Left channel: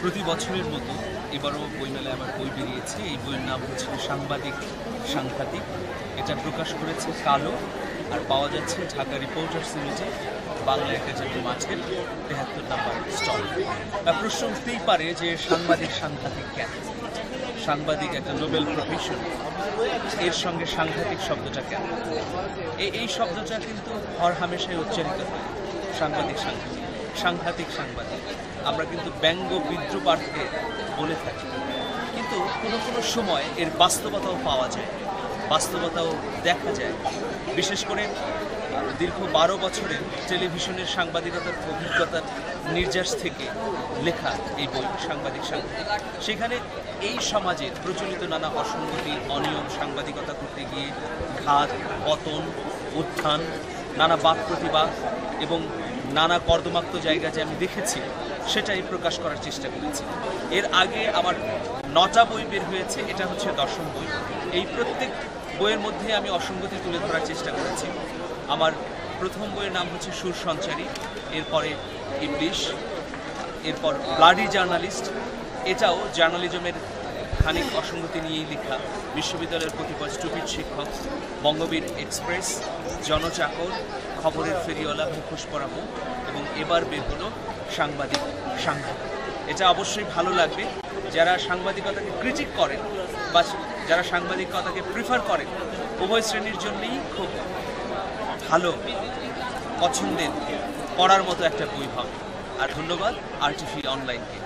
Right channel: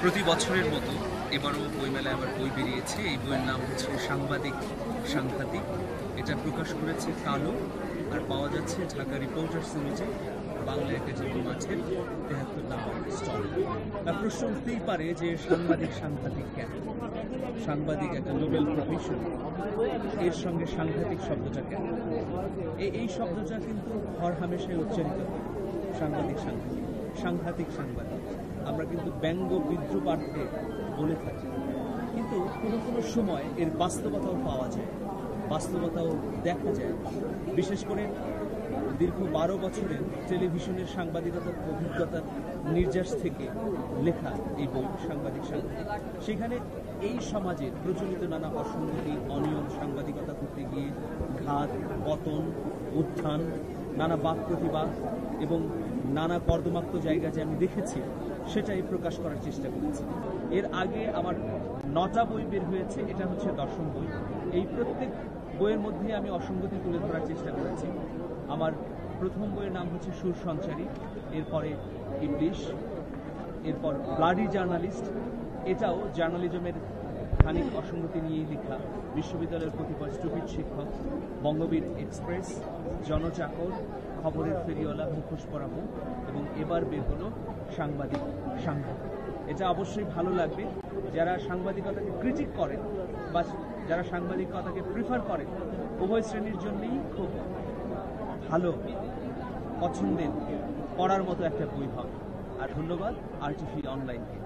প্রতি বছরের মতো এবারও বইমেলায় আবার বই বেরিয়েছে। এই বইয়ের নাম হচ্ছে সাংবাদিক সাংঘাতিক। এটা প্রকাশ করেছে কালো, আর পাওয়া যাচ্ছে ঢাকা রিপোর্টার্স সিরিজে বাংলা একাডেমি মাঠের ৭৩ নম্বর স্টল। প্রশ্ন উঠতেই পারে যে সাংবাদিক সাংঘাতিক কেন? সাংবাদিক একটা নোবেল প্রফেশন, এর সঙ্গে সাংঘাতিক শব্দটা কেন? এই শব্দটা কিন্তু হরহামেশাই উচ্চারিত হয়, সাংবাদিক সাংঘাতিক, সাংঘাতিক সাংবাদিক। আমরা কিন্তু ব্যঙ্গ বিদ্রুপার্থে বলে থাকি, কিন্তু কোনো কোনো সময় এর বাস্তবতাও পাওয়া যায়, বাস্তবতাও দেখা যায়। বিশেষ করে দীর্ঘ ১২ বছরের টেলিভিশনের সাংবাদিকতার অভিজ্ঞতার নির্যাস থেকে লেখা এই বই সাংবাদিক সাংঘাতিক। সেখানে এই সমাজের প্রচলিত নানা অসঙ্গতি, অনিয়ম, সাংবাদিকতা করতে গিয়ে ঘাত, পতন, উত্থান, নানা বাক প্রতিবাদ এবং নানা কর্দমাক্ত জায়গা যে আমি দেখেছি সেটাই প্রকাশ করার চেষ্টা করেছি। এর আগে আমার ৯টা বই বের হয়েছে, এটা হচ্ছে ১০ম বই। এই প্রত্যেক বইয়ের মধ্যে আমি অসঙ্গতি তুলে ধরার চেষ্টা করেছি। আমার প্রথম বইয়ের নাম হচ্ছে সুর সঞ্চারী, এরপরে ইবলিশ, এরপর ব্লাডি জার্নালিস্ট। এটাও জার্নালিজমের খানিক অসঙ্গতি নিয়েই লেখা। বিশ্ববিদ্যালয়ের কতিপয় স্টুপিড শিক্ষক, বঙ্গবীর এক্সপ্রেস, জনচাকর, খবরের ফেরিওয়ালা, মুখোশ পরা মুখ, এবং এবার বের হলো সাংবাদিক সাংঘাতিক। এটা অবশ্যই ভালো লাগবে যারা সাংবাদিকতাকে ক্রিটিক করেন বা যারা সাংবাদিকতাকে প্রিফার করেন, উভয় শ্রেণীর জন্যই খুব ভালো, পছন্দের, পড়ার মতো একটা বই হবে। আর ধন্যবাদ RTV অনলাইনকে।